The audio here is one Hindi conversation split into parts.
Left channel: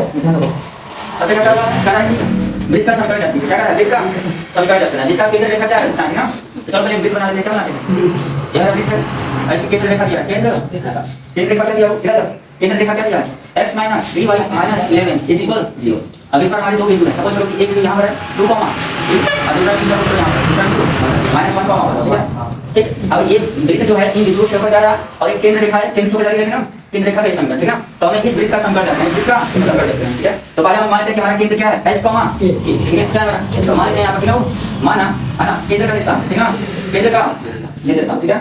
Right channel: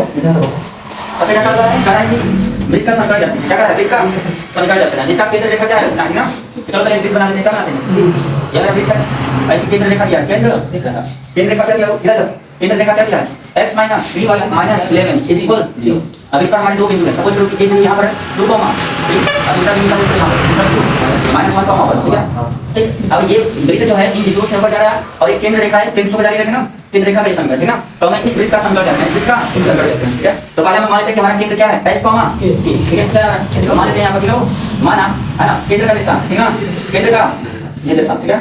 क्या कर रहा है? वृत्त का समीकरण जाते हैं। क्या कर रहा है? वृत्त का समीकरण जाते हैं। जिसका केंद्र रेखा क्या है? इतना ही ना। चलो एक वृत्त बना लेते हैं। क्या बनाते हैं? यह वृत्त है। ऐसे केंद्र रेखा क्या है? केंद्र रेखा क्या दिया? इधर केंद्र रेखा क्या दिया है? x minus 3y minus 11 is equal 0। अब इस पर हमारे दो बिंदु हैं। सपोज करो कि एक बिंदु यहाँ पर है 2 कॉमा, अब दूसरा बिंदु सपोज करो यहाँ पर माइनस 1 कॉमा पर, ठीक है? ठीक। अब ये वृत्त जो है इन बिंदुओं से होकर जा रहा है और एक केंद्र रेखा है, केंद्र से होकर जा रही है ना, केंद्र रेखा का समीकरण, ठीक है? तो हमें इस वृत्त का समीकरण लेना है, इस वृत्त का समीकरण लेते हैं, ठीक है? तो पहले हम मान लेते हैं कि हमारा केंद्र क्या है? h कॉमा, ठीक है? क्या है? तो मान लेते हैं यहाँ पर माना है ना, केंद्र का निशान, ठीक है ना? केंद्र का निर्देशांक, ठीक है?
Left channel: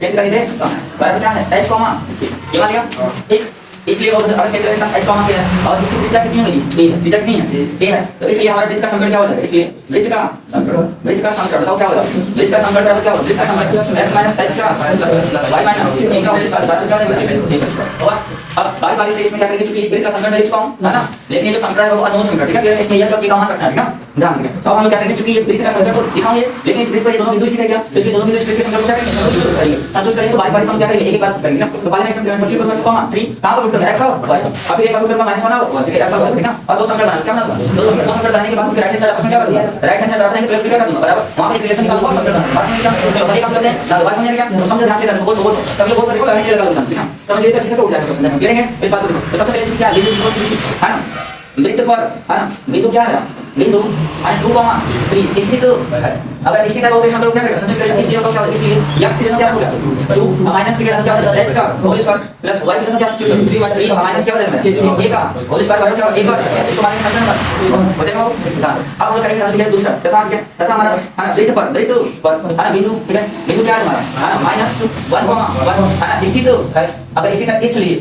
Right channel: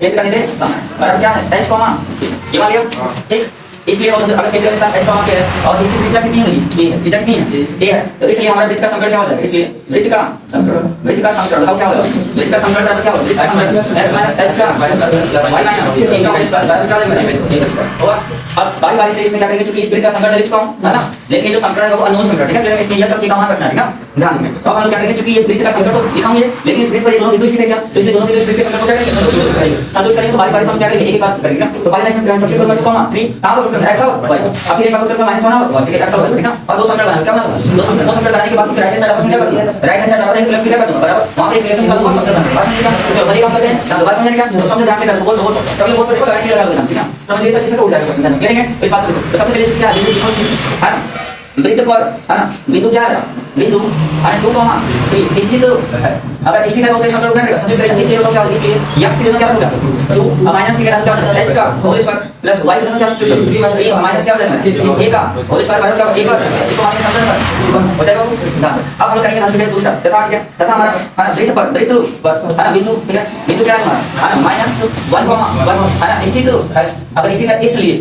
केंद्र का निर्देशांक बराबर क्या है? h कॉमा, ये मान लिया, ठीक? इसलिए अगर केंद्र के साथ h कॉमा पे है और इसकी त्रिज्या कितनी होगी? a है। त्रिज्या कितनी है? a है। तो इसलिए हमारा वृत्त का समीकरण क्या हो जाएगा? इसलिए वृत्त का समीकरण क्या होगा? वृत्त का समीकरण बराबर क्या होगा? वृत्त का समीकरण x माइनस h का प्लस y माइनस a का होल स्क्वायर बराबर क्या हो जाएगा? होगा। अब बारी बारी से इसमें क्या करेंगे, चूंकि इस वृत्त का समीकरण लिख चुका हूं, है ना? लेकिन जो समीकरण है वो अननोन समीकरण, ठीक है? लेकिन इसमें ये सब का मान रखना है, ठीक है? ध्यान रखें। तो हम क्या करेंगे, चूंकि ये वृत्त का समीकरण तो लिखा हुआ है, लेकिन इस वृत्त पर ये दोनों बिंदु सीधे क्या, तो इसलिए दोनों बिंदु इस वृत्त के समीकरण को क्या करेंगे? संतुष्ट करेंगे। तो बारी बारी से हम क्या करेंगे? एक एक बार करेंगे ना। तो पहले इसमें सबसे पहले कॉमा 3 कहां पर पुट करना है? x और y। अब फिर एक बार पुट करना -1 और ठीक है, x और y, ठीक है? और दो समीकरण बनाना, क्या बनाना? दो समीकरण बनाने के बाद राइट हैंड साइड आपस में क्या करना है? राइट हैंड साइड बराबर है, तो क्या करना है? बराबर वहां पे एक रिलेशन निकाल दो, समीकरण बनाना। बात समझ गए? जो हमारी काम करते हैं ना, बात समझ गए? तो समझ ध्यान से कर, बोल सब लोग बोल कर देखो, गारंटी लगा देना, ठीक है? समझ लिए तो अच्छे से हो जाएगा, समझना क्लियर है? इस बात को तो सबसे पहले क्या बिंदु है ना, वृत्त पर है ना, बिंदु क्या है? बिंदु 2 कॉमा 3 स्थित अगर स्थित है तो इस समीकरण क्या करेगा? संतुष्ट करेगा। इसलिए तो क्या होगा? इसलिए x की जगह क्या होगा? 2 माइनस के क्या होगा? h का होल स्क्वायर प्लस y की जगह क्या सब्स्टिट्यूट 3 माइनस क्या हो जाएगा? a का होल स्क्वायर बराबर क्या होगा? 1 पर इसको माइनस समीकरण हो जाएगा। अब हम करेंगे ना, ठीक है? दूसरा तथा ठीक है, तथा हमारा है ना वृत्त पर है ना बिंदु, ठीक है? बिंदु क्या है हमारा? है ना माइनस 1 कॉमा 1 है ना स्थित है। अगर स्थित है इसलिए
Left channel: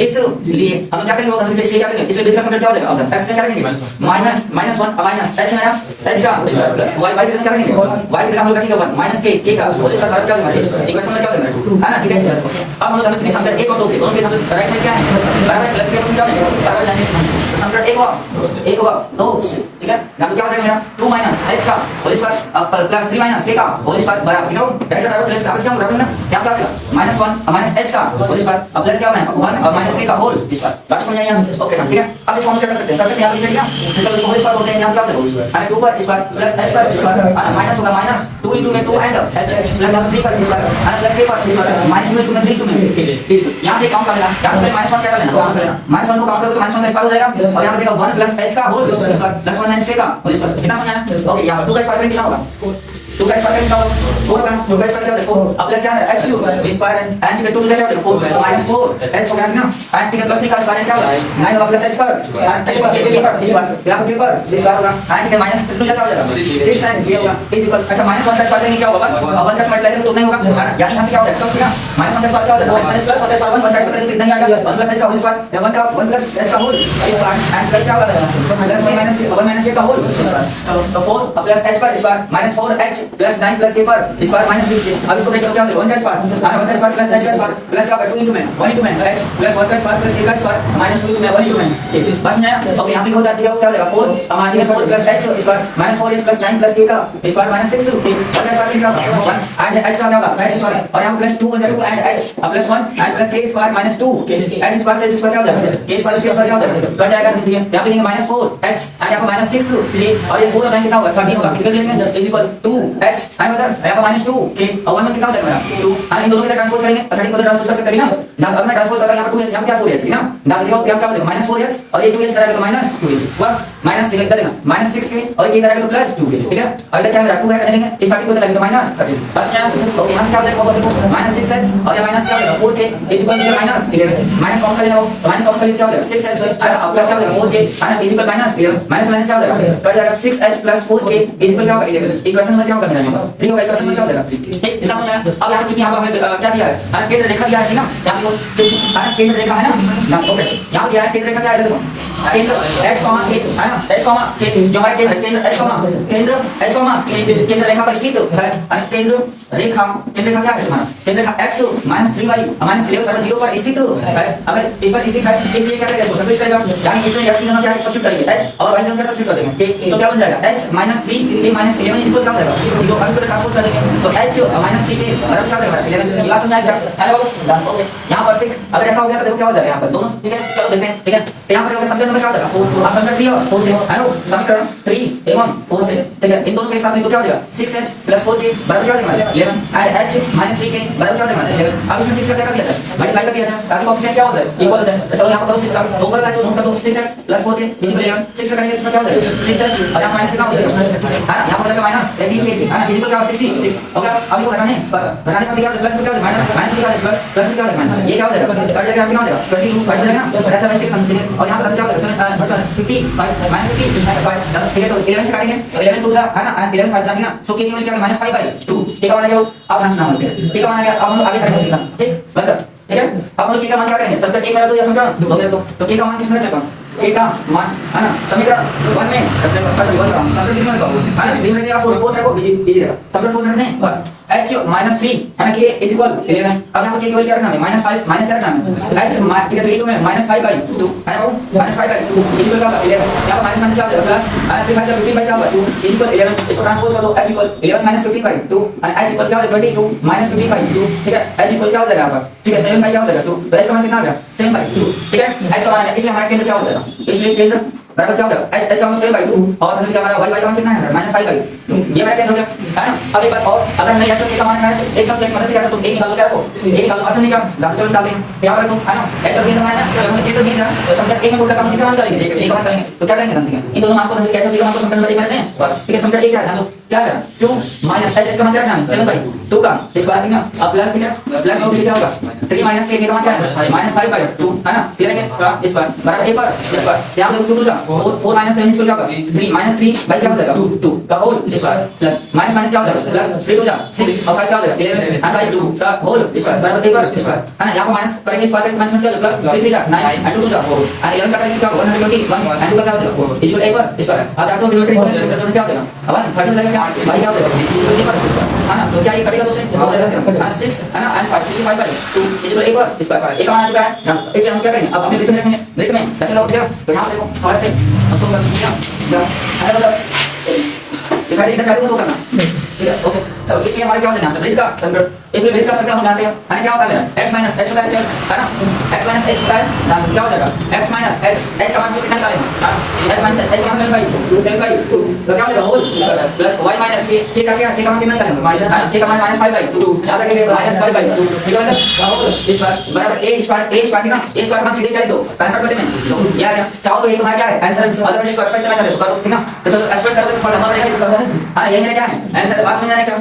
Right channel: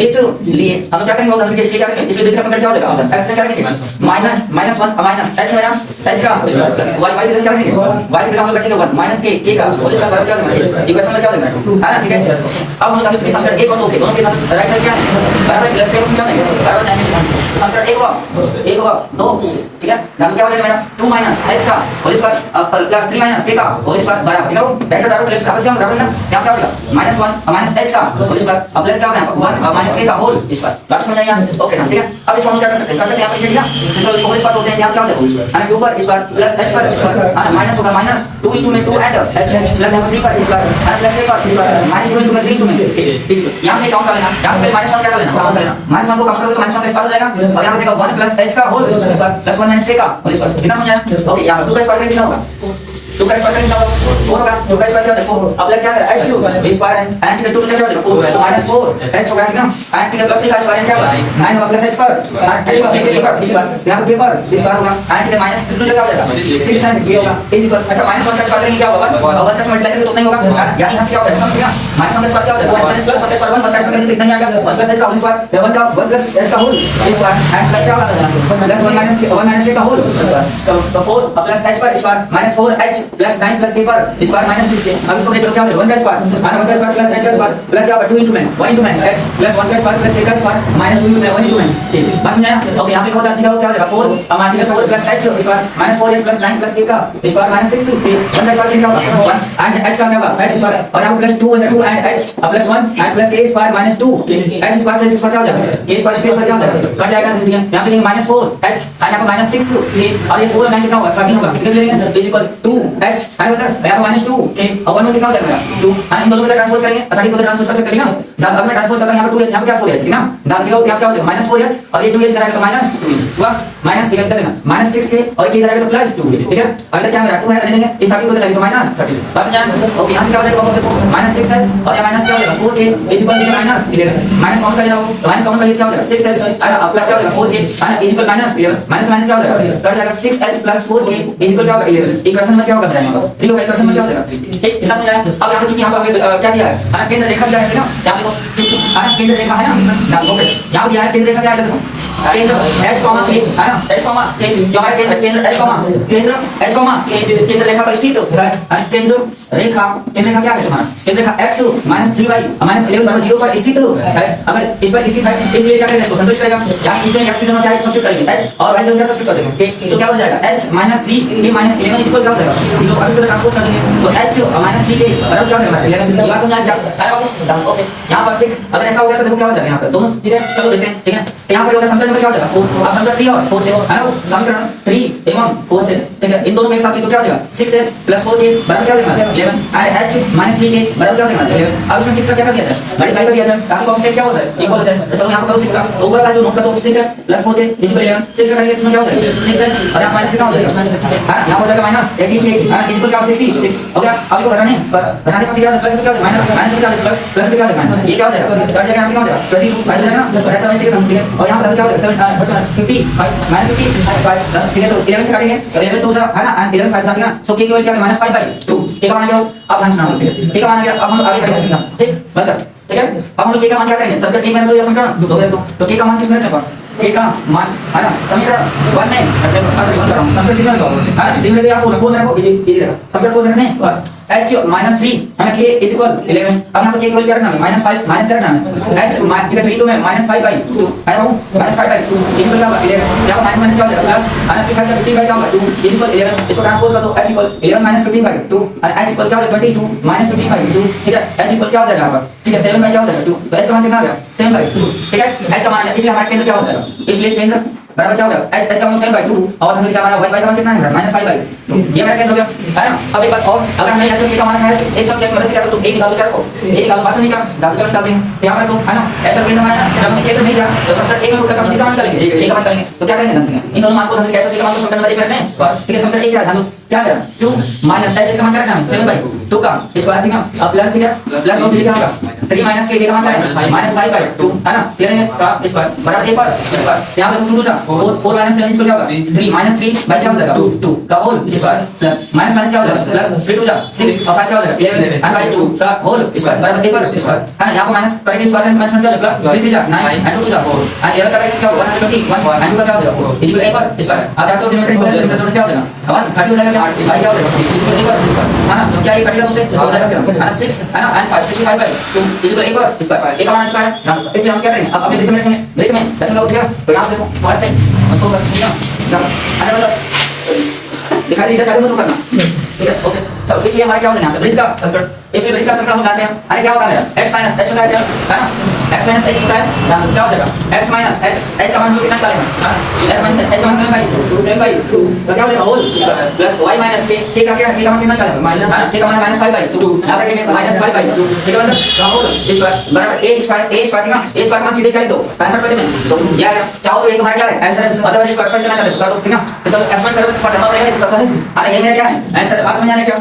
हम क्या करेंगे? होगा इसलिए क्या करेंगे? इसलिए वृत्त का समीकरण क्या हो जाएगा? x क्या करेंगे? माइनस -1 माइनस h है ना, h का प्लस y की जगह क्या रखेंगे? y की जगह हम लोग रखेंगे 1 माइनस k का होल स्क्वायर बराबर क्या होगा? इक्वेशन में क्या होगा? है ना, ठीक है? अब हम लोग अभी समीकरण 1 और 2 के दोनों के राइट साइड क्या है? बराबर लेफ्ट हैंड क्या है? बराबर जाएंगे समीकरण 1 होगा 2, ठीक है? यहां क्या हो जाएगा मेरा? 2 माइनस h का whole square plus 3 minus k का होल स्क्वायर बराबर, ठीक है? राइट साइड बराबर लेफ्ट आपस में बराबर ना, क्या क्या होगा? -1 माइनस h का होल स्क्वायर प्लस क्या होगा? 1 माइनस k का होल स्क्वायर। बात समझ आई? ओके ना, ठीक है? अब इसको हम क्या कर सकते हैं? यहां पे चलिए, तो चलो इसको होल स्क्वायर बोलते हैं। यहां क्या हो जाएगा? है ऊपर स्क्वायर प्लस h पर स्क्वायर है ना, माइनस होगा माइनस 2 into में 2 एंड h प्लस h3 पर स्क्वायर है प्लस a पर स्क्वायर माइनस 2 into में 3 में यहां से काउंट कर लेना। यहां से माइनस 1 क्या कर लेना? काउंट कर लेना। माइनस 1 को काउंट करोगे तो माइनस 1 का स्क्वायर हो जाएगा और यहां बचेगा 1 प्लस h का whole square plus 1 minus a का होल स्क्वायर। कितना समझ आया? ओके, यहां 2 का स्क्वायर कितना होगा? 2 का स्क्वायर कितना होगा? 4 का 2 का स्क्वायर क्या होगा? 4 अब प्लस क्या है? h स्क्वायर एंड के 2 क्या होगा? 4 माइनस 4 h होगा ना, एंड के प्लस का स्क्वायर क्या होगा? 9 होगा प्लस h पर h का इस बार यहां पे पर स्क्वायर होगा एंड के माइनस 2 क्या हो जाएगा? 6 एंड ये होगा इक्वल। अच्छा, माइनस 1 का स्क्वायर क्या होगा? 1 का मल्टीप्लाई करेंगे तो उतना ही होगा, यानी यहां से क्या हो जाएगा? ठीक है, माइनस 1 का स्क्वायर क्या हो जाएगा? माइनस प्लस 1 का स्क्वायर 1 का स्क्वायर कितना ही आएगा? 1 प्लस h का होल स्क्वायर 1 का 1 प्लस h का होल स्क्वायर एंड प्लस क्या होगा? प्लस 1 माइनस a का होल स्क्वायर। तो 4 प्लस h पर square minus 4h plus 9 plus k पर स्क्वायर माइनस 6। अब इसको ब्रेक करके क्या होगा? 1 का स्क्वायर माइनस 1 का स्क्वायर प्लस h का स्क्वायर प्लस क्या होगा? 2 into में 1 into में h प्लस 1 का स्क्वायर प्लस a का स्क्वायर माइनस 2 into में 1 into में k। बस समझ आया? ओके, यहां पे होता है क्या हो जाएगा? 4 हमारा ठीक है 4 plus h square minus 4h plus 9 plus k का स्क्वायर माइनस 6 k 1 का स्क्वायर कितना होगा? 1 एंड h का क्या होगा? h स्क्वायर और यहां plus 2 under 2 and h plus 1 and plus k square minus 2 h square से h स्क्वायर क्या हो जाएगा? k स्क्वायर से स्क्वायर क्या हो जाएगा? कट जाएगा, ठीक है? यहां पे माइनस 4h और यहां पे माइनस 6 k और ये 4 और 9 कितना होगा? 13 होगा, ठीक है? लेंगे इक्वल 2h एंड मतलब यहां पे माइनस 2 k और 1 कितना हो जाएगा? 2 एंड इन दोनों को ट्रांसपोज करेंगे 30 को ट्रांसपोज कर सकते हैं ना। अब मैं ट्रांसपोज करता हूं, यहां पे 2h यहां पे क्या 4h, ठीक ना? दाम देखो क्या क्या हो जाएगा? माइनस 4h और ये 2h कराएगा तो माइनस 2h हुआ माइनस दिखा देना माइनस 6k और ये कराएगा तो प्लस 2k, ठीक है? अभी तक क्या मेरा 2 है रहेंगे इस बाकी को तो लगेगा माइनस 30। बस यहां ओके, यहां से क्या हो जाएगा? देखो माइनस 6h और ये माइनस क्या हो जाएगा? 4k equal to minus 11 minus count कर लेना, माइनस काउंट कर ले क्या हो जाएगा? 6h प्लस क्या हो जाएगा? 4k है इक्वल माइनस 11 माइनस माइनस क्या हो जाएगा? कट जाएगा 6h प्लस 4k इक्वल क्या होगा? 11। इक्वेशन में क्या होगा? यहां पर 3 होगा, इक्वेशन में क्या हो जाएगा? ठीक, कितना समझ आया? अब यहां पे चूंकि यहां पर क्या दिया है? केंद्र रेखा दिया है ना, यहां पे केंद्र रेखा है ना, ओके यहां दिया है केंद्र रेखा क्या है? देखो केंद्र h कॉमा k है ना, h कॉमा k जो हमारा केंद्र h कॉमा केंद्र रेखा पर स्थित है। केंद्र रेखा क्या है तुम्हारा? केंद्र रेखा x माइनस 3y माइनस 11 बराबर 0 पर स्थित है। अगर इस पर स्थित है इसलिए क्या करेगा? इसको संतुष्ट करेगा, यानी इसमें x की जगह क्या है? सब्स्टिट्यूट करेंगे h और y की जगह क्या सब्स्टिट्यूट कर देंगे? k, तो क्या हो जाएगा? h minus 3k minus 11 equal क्या हो जाएगा? 0। अब इसको ट्रांसपोज कर देंगे तो h माइनस 3k बराबर क्या हो जाएगा? 11। बात समझ आ गया? ओके, यहां पर ठीक, अगर ऐसा हो गया तो देखो क्या हो जाएगा? यहां पर दोनों ठीक है, चलो देखते हैं, ठीक है। तो यहाँ पर होगा समीकरण नंबर क्या हो जाएगा, अब समीकरण 3 और 4 से है ना, समीकरण 3 एवं 4 से, ठीक है। इन दोनों को एक साथ लिखो क्या हो जाएगा, 6h + 4k बराबर क्या हो जाएगा 11 एंड h - 3k बराबर क्या हो जाएगा 11। अब इसमें 6 का क्या कर दिया जाए, मल्टीप्लाई कर दिया जाए ताकि कोएफिशिएंट क्या हो जाए, इक्वल हो जाए। तो चलो यहाँ पर करो 6 का, तो ऊपर वाला जो नोट कर दो 6x + 4k = 11। 6 का करेंगे इसमें क्या हो जाएगा 6h और यहाँ माइनस क्या हो जाएगा, हां यहाँ हो जाएगा -18k हां इक्वल क्या हो 66 हो गया। अब इसको घटाने पर क्या हो जाएगा, प्लस में क्या हो जाएगा माइनस में क्या हो जाएगा प्लस में क्या हो जाएगा माइनस, ये क्या हो जाएगा कट जाएगा, यहाँ पे क्या हो जाएगा 22 5 हो जाएगा ना, ऐसा वैसे ठीक है। और यहाँ पर क्या हो जाएगा 50 -50 ठीक है। तो 11 से काटेंगे तो 11 2 है ना, एंड 11 5 जाएगा ना, सो k की वैल्यू क्या है -5/2 k का मान क्या हो, अब हम सुना k का मान क्या, अब हम लोग आगे करेंगे ठीक बंद, ठीक है। अब हम लोग k का मान क्या करेंगे, समीकरण 3 में तो या समीकरण 2 में तो k का मान किसमें रखना है, k का मान है ना समीकरण 1 में रखते हैं, सॉरी 1 का समीकरण किसमें रखो है ना 3 में या 4 में रखो, इजी रहेगा। समीकरण 4 रखने और h - 3 हमें k = 11। अब यहाँ पे k की वैल्यू क्या रखना है -5 माइनस रखना है h ठीक है 3 में -5/2 है बाबू -5/2 इक्वल क्या होगा 11। यहाँ माइनस माइनस क्या हो जाएगा प्लस और 3/15 क्या होगा इक्वल 11। इसको ट्रांसपोज कर दो h = 11 - 15/2 और h = क्या हो जाएगा 22 - 15/2 ठीक है। h = क्या हो जाएगा यहाँ पर, ठीक है 7 क्या हो जाएगा 2, तो h का मान कितना आ गया 7/2 ठीक है। h का मान है इसलिए हमारा केंद्र क्या हो जाएगा, इसलिए केंद्र बराबर क्या हो जाएगा h का मान 7/2 और हमने क्या हमारा y का मान कितना है -5/2 ये मेरा केंद्र हो गया है ना। अब एक बात और, अगर हमें h का मान है एक शब्द की मदद से क्या कर दो एक निकालो क्या रखो एक निकालो आसान नहीं क्या चलो निकालते हैं यहाँ पर रखो है ना। h का केंद्र है ना, जब हमें केंद्र नहीं रहा तो समीकरण 1 में उसका मान किसका मान करेंगे एक का मान करेंगे, तो क्या करेंगे हम इन दोनों मान को कैसे का मान को समीकरण में रखना है ठीक है। समीकरण 1 क्या डालो क्या है 2 h का मान क्या रखना है 7/2 का स्क्वायर ठीक है। अब प्लस ठीक है प्लस और क्या होगा 3 - k का मान क्या है -5/2 है ना, लेंगे का स्क्वायर बराबर 1 पर स्क्वायर यहाँ पे 2 का 4 - 7 इसको क्या होगा 3 - 3 बाय क्या हो जाएगा 2 का whole square plus minus minus क्या हो जाएगा प्लस 3 2 6 और 5 क्या हो जाएगा 11 and by 2 का होल स्क्वायर बराबर 1 पर स्क्वायर है ना। यहाँ पे माइनस करेंगे स्क्वायर करेंगे माइनस क्या प्लस 3 3 9 and 2 2 4 and 11 करेंगे क्या 121 and 2 का क्या हो जाएगा 4 इक्वल 1 पर स्क्वायर। अब जाते हो डिनोमिनेटर इक्वल इसका तो क्या हो जाएगा अब 30 हो जाएगा बाय क्या हो जाएगा 1 पर है ना। तो क्या ये कटेगा तुमसे हो जाएगा क्या 6 है ना and 65/2 इक्वल 1 पर स्क्वायर 1 का मान आ चुका है ना। इसे हम क्या करेंगे अब अपने ब्रेक में रखेंगे, ब्रेक में रखेंगे उठ गया तो यहाँ देखो हमारे से हमको कर दिया आने वाला दिखाई इधर जाके तो करना ठीक है ओके। चलो इसलिए हमारा क्या हो जाएगा ब्रिज का समीकरण, इसलिए ब्रिज का समीकरण हम जानते हैं यानी क्या होता है x - h होता है ना x - h होता है क्या हो जाएगा x - h का मान कितना निकालेंगे x - h x का मान 7/2 तो क्या हो जाएगा होल प्लस y - k का क्या k का मान कितना निकालेंगे k का मान -5/2 याद रखिए -5/2 ठीक है। मतलब का होल स्क्वायर बराबर a स्क्वायर ना a स्क्वायर मान सीधे क्या लिख दो आंसर करते में तो याद है चाहो तो एक हमारा क्या है आंसर अदरवाइज इसको एक्सपेंड करना चाहते हो तो ठीक ना, तो एक्सपेंड करोगे तो फॉर्मूला रहेगा कर दो। हां ये मेरा क्या है आंसर बात समझ आ रहा है क्या